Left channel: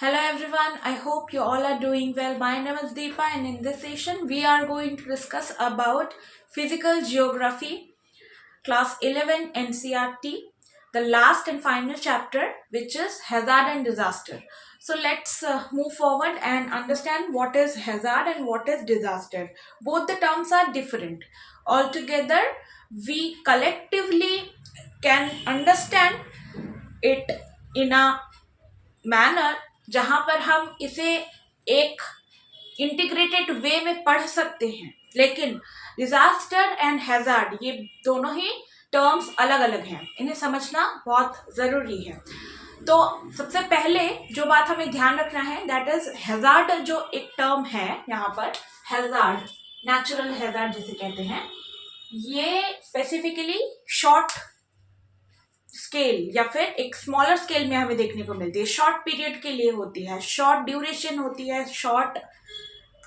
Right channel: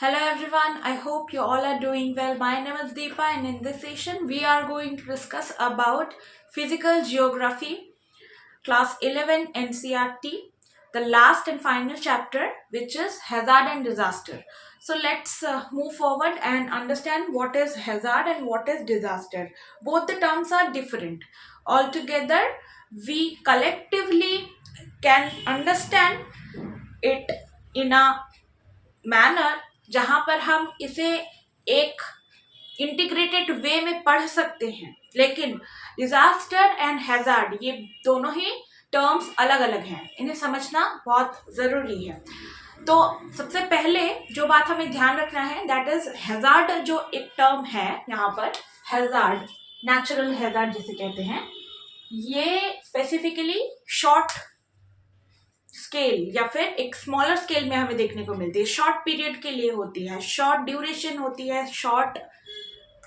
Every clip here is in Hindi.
Hello everyone, I hope you all are doing well. My name is Deepa and in this session we are going to discuss about physical geography class 11 NCERT, the last and final chapter which is hazard and disaster. So let's move forward and understand what is hazard and what is disaster. Both the terms are different. Altogether we collectively can understand it in a manner जहां पर हम इसे एक इंटीग्रेटेड वे में पढ़ सकते हैं, लेकिन डिजास्टर एंड हैजार्ड ये दोनों ही टर्म्स अलग अलग हैं, इन्हें समझना बहुत ज़रूरी है। तो सबसे पहले जो बात हमें ध्यान रखना है दैट इज हैजार्ड। जो एक टर्म है यहाँ पर हैजार्ड, नेचुरल हैजार्ड जिसे कहते हैं, ये स्पेसिफिकली शॉर्ट स्केल या फिर एक स्मॉलर स्केल में हमें देखने को मिलती है, शॉर्ट पीरियड के लिए होती है, शॉर्ट ड्यूरेशन होती है, शॉर्ट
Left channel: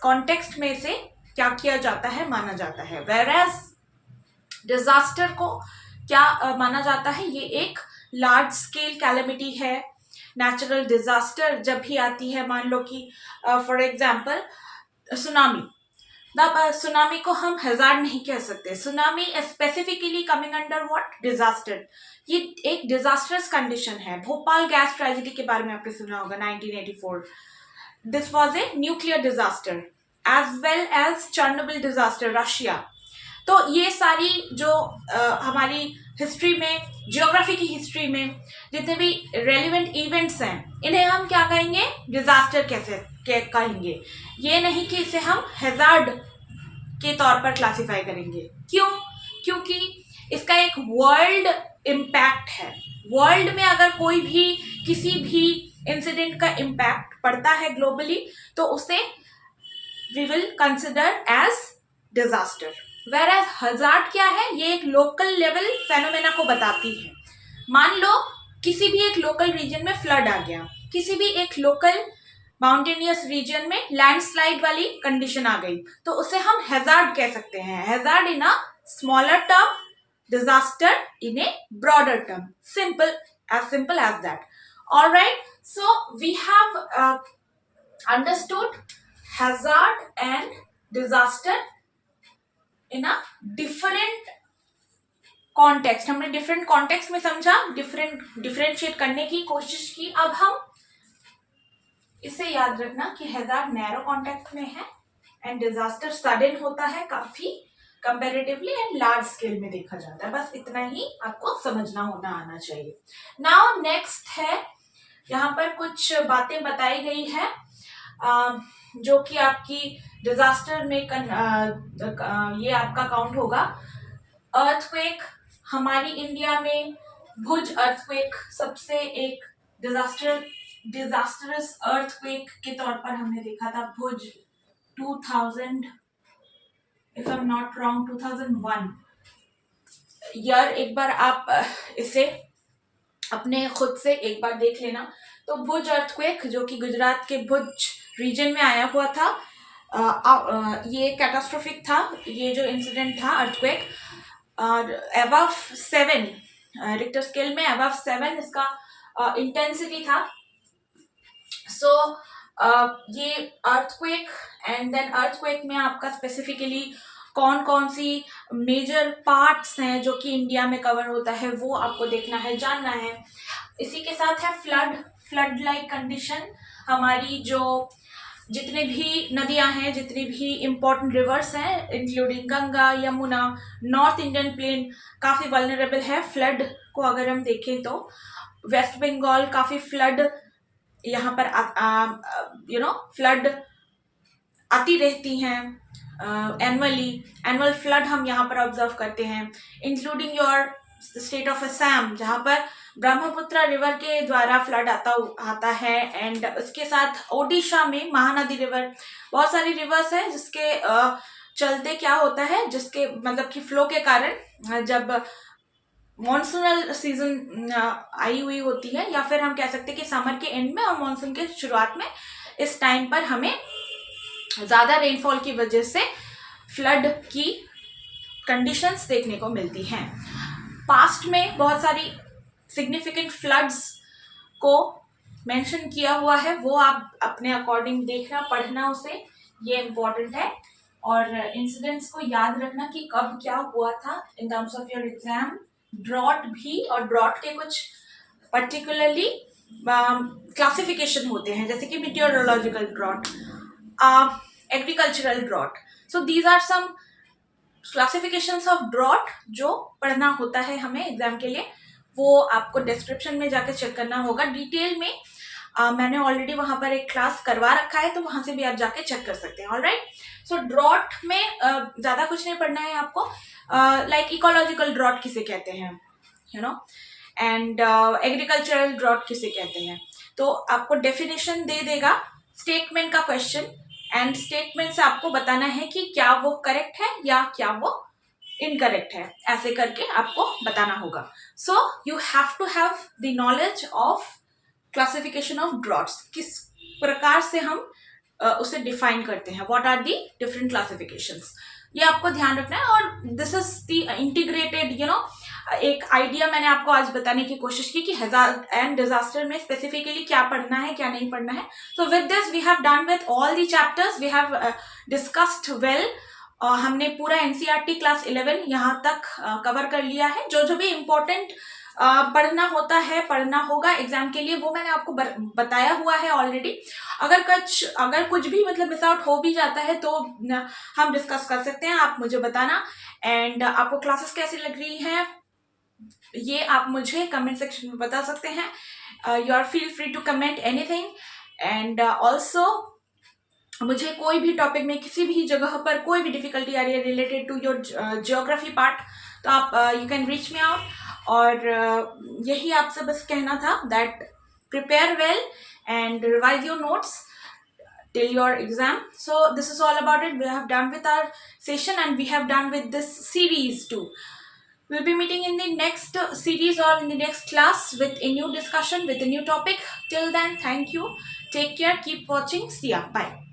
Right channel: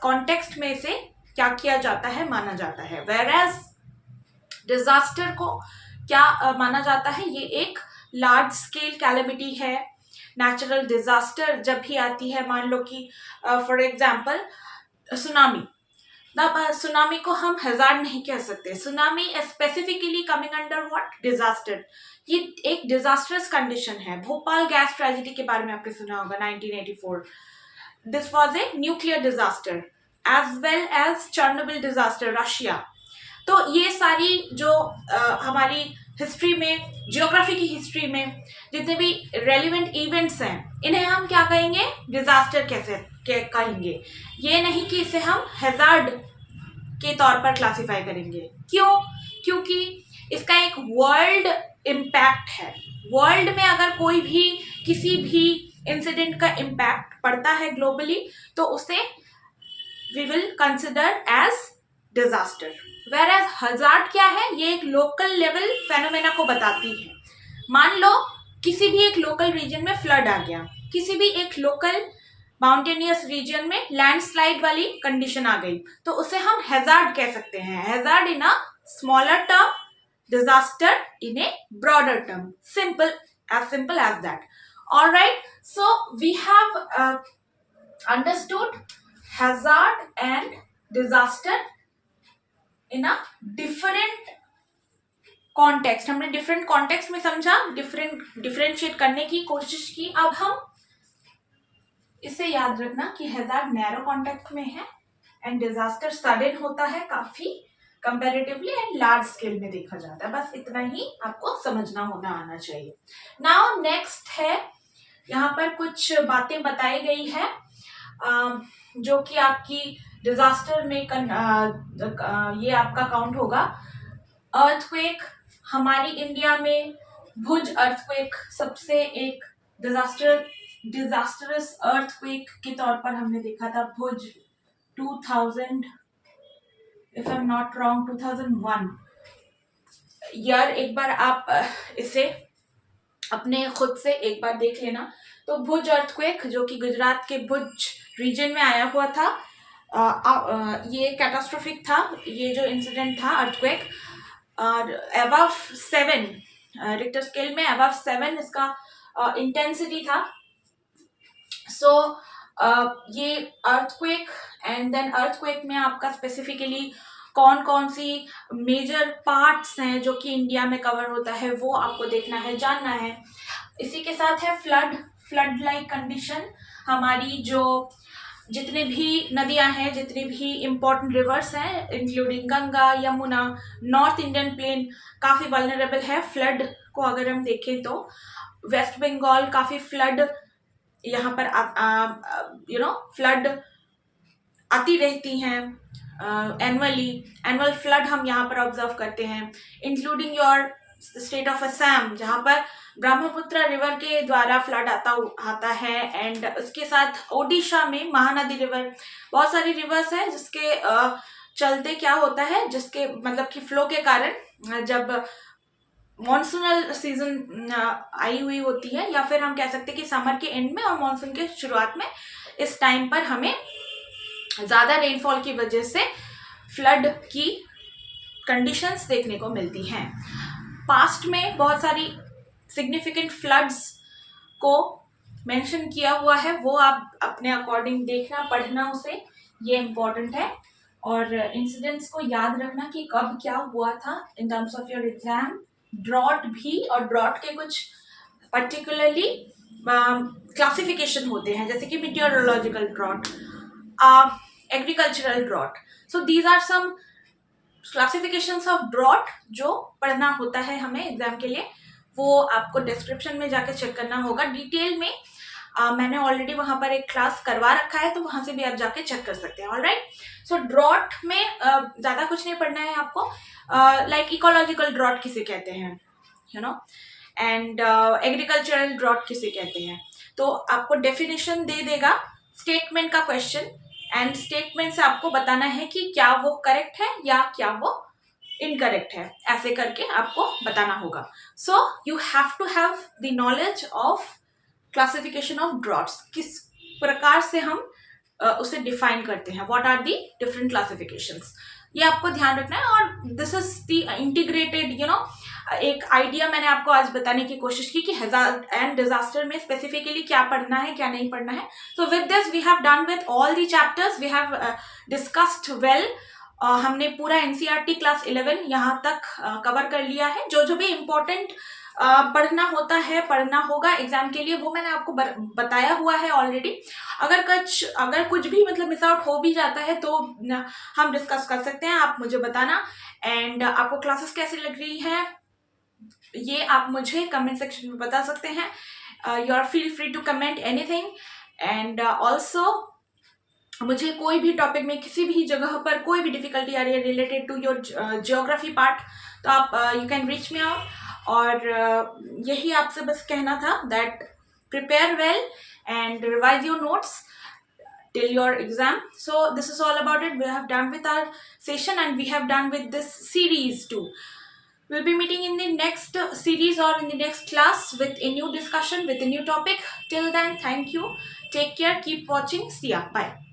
कॉन्टेक्स्ट में से क्या किया जाता है माना जाता है। वेरएज डिजास्टर को क्या माना जाता है, ये एक लार्ज स्केल कैलेमिटी है। नेचुरल डिजास्टर जब भी आती है, मान लो कि फॉर एग्जाम्पल सुनामी, तब सुनामी को हम हैजार्ड नहीं कह सकते। Tsunami specifically coming under what, disaster. ये एक डिजास्टरस कंडीशन है। भोपाल गैस ट्रेजेडी के बारे में आपने सुना होगा 1984। This was a nuclear disaster as well as Chernobyl disaster Russia. तो ये सारी जो हमारी हिस्ट्री में, जियोग्राफी की हिस्ट्री में जितने भी रेलिवेंट इवेंट्स हैं, इन्हें हम क्या कहेंगे, डिजास्टर कैसे कहेंगे। ये नहीं कि इसे हम हैजार्ड के तौर पर क्लासिफाई करेंगे। क्यों? क्योंकि इसका एक वर्ल्ड इम्पैक्ट है। वर्ल्ड में अगर कोई भी किसी भी इंसिडेंट का इम्पैक्ट पड़ता है ग्लोबली, तो उसे we will consider as disaster. Whereas hazard क्या है, ये एक लोकल लेवल फेनोमेना को बताती है। मान लो किसी भी एक लोकल रीजन में फ्लड आ गया, किसी भी एक लोकल माउंटेनियस रीजन में लैंडस्लाइड वाली कंडीशन आ गई, तो उसे हम हैजार्ड कह सकते हैं। Hazard in a smaller term, disaster in A broader term. Simple as that. All right, so we have understood hazard and disaster in a different context. हमने डिफरेंट कॉन्टेक्स्ट में समझा, डिफरेंशिएट करने की कोशिश की। अब हम इसे याद रखना कि हैजार्ड नैरो कॉन्टेक्स्ट में है एंड डिजास्टर सडन होता है, काफी कंपैरेटिवली एंड लार्ज स्केल में देखा जाता है। बस इतना ही आपको समझना होना आना चाहिए। नाउ नेक्स्ट है, यहाँ पर कुछ बातें बताई गई है जो कि आपकी डिजास्टर में ये आपका काउंट होगा। अर्थक्वेक, हमारी इंडिया में भुज अर्थक्वेक सबसे एक डिजास्टरस अर्थक्वेक के तौर पर हमने देखा था। भुज 2000, if I am not wrong 2001 year. एक बार आप इसे अपने खुद से एक बार देख लेना। तो भुज अर्थक्वेक जो कि गुजरात के भुज रीजन में आया हुआ था, ये कैटास्ट्रोफिक था। ये जो इंसिडेंट था अर्थक्वेक, और अबव 7 रिक्टर स्केल में, अबव 7 इसका इंटेंसिटी था। सो ये अर्थक्वेक एंड देन अर्थक्वेक में आपका स्पेसिफिकली कौन कौन सी मेजर पार्ट्स हैं जो कि इंडिया में कवर होता है, वो आपको देखना है, जानना है। इसी के साथ है फ्लड लाइक कंडीशन। हमारी जो जितने भी नदियां हैं, जितनी भी इम्पोर्टेंट रिवर्स हैं, including Ganga, Yamuna, north Indian plain काफ़ी वल्नरेबल है फ्लड को। अगर हम देखें तो वेस्ट बंगाल काफ़ी फ्लड, यहाँ पर फ्लड आती रहती हैं एनुअल फ्लड हम यहाँ पर ऑब्जर्व करते हैं, including your state of Assam, जहाँ पर ब्रह्मपुत्र रिवर के द्वारा फ्लड आता है। एंड उसके साथ ओडिशा में महानदी रिवर, बहुत सारी रिवर्स हैं जिसके चलते क्या होता है, जिसके मतलब कि फ्लो के कारण जब मॉनसूनल सीजन आई हुई होती है, या फिर हम कह सकते हैं कि समर के एंड में और मॉनसून के शुरुआत में, इस टाइम पर हमें ज़्यादा रेनफॉल की वजह से फ्लड की कंडीशंस देखने को मिलती हैं। पास्ट में बहुत सारी सिग्निफिकेंट फ्लड्स को मेंशन किया हुआ है वो आप अपने अकॉर्डिंग देखना, पढ़ना उसे, ये इम्पोर्टेंट है। और इंसिडेंट्स को याद रखना कि कब क्या हुआ था in terms of your exam. Drought भी, और ड्रॉट के कुछ पर्टिकुलरली क्लासिफिकेशन होते हैं, जैसे कि meteorological drought, agricultural drought. So these are some classifications of drought जो पढ़ना होता है हमें एग्जाम के लिए। वो आपको डिस्क्रिप्शन में जाके चेक करना होगा डिटेल में। मैंने ऑलरेडी वहां पर एक क्लास करवा रखा है, तो वहां से भी आप जाके चेक कर सकते हैं। ऑलराइट, सो ड्रॉट में ज्यादा कुछ नहीं पढ़ना है आपको। लाइक इकोलॉजिकल ड्रॉट किसे कहते हैं, you know, and agricultural drought किसे कहते हैं, तो आपको डेफिनेशन दे देगा, स्टेटमेंट का क्वेश्चन, एंड स्टेटमेंट से आपको बताना है कि क्या वो करेक्ट है या क्या वो इनकरेक्ट है, ऐसे करके आपको बताना होगा। So you have to have the knowledge of classification of droughts, किस प्रकार से हम उसे डिफाइन करते हैं, what are the different classifications, ये आपको ध्यान रखना है। और this is the integrated, you know, एक आइडिया मैंने आपको आज बताने की कोशिश की कि हैजार्ड एंड डिजास्टर में स्पेसिफिकली क्या पढ़ना है क्या नहीं पढ़ना है। So with this we have done with all the chapters, we have discussed well. हमने पूरा एनसीईआरटी क्लास 11 यहाँ तक कवर कर लिया है। जो जो भी इम्पोर्टेंट पढ़ना होता है, पढ़ना होगा एग्जाम के लिए, वो मैंने आपको बताया हुआ है ऑलरेडी। अगर कुछ भी मतलब मिस आउट हो भी जाता है तो हम डिस्कस कर सकते हैं, आप मुझे बताना। एंड आपको क्लासेस कैसी लग रही हैं ये आप मुझे कमेंट सेक्शन में बता सकते हैं। You are feel free to comment anything. And also मुझे कोई भी टॉपिक में किसी भी जगह पर कोई भी डिफिकल्टी आ रही है related to your geography part, तो आप you can reach me out. और यही आपसे बस कहना था that prepare well and revise your notes till your exam. So this is all about it. We have done with our session and we have done with this series too. We'll be meeting in the next series or in the next class with a new discussion, with a new topic. Till then, thank you. Take care. Keep watching. See ya. Bye.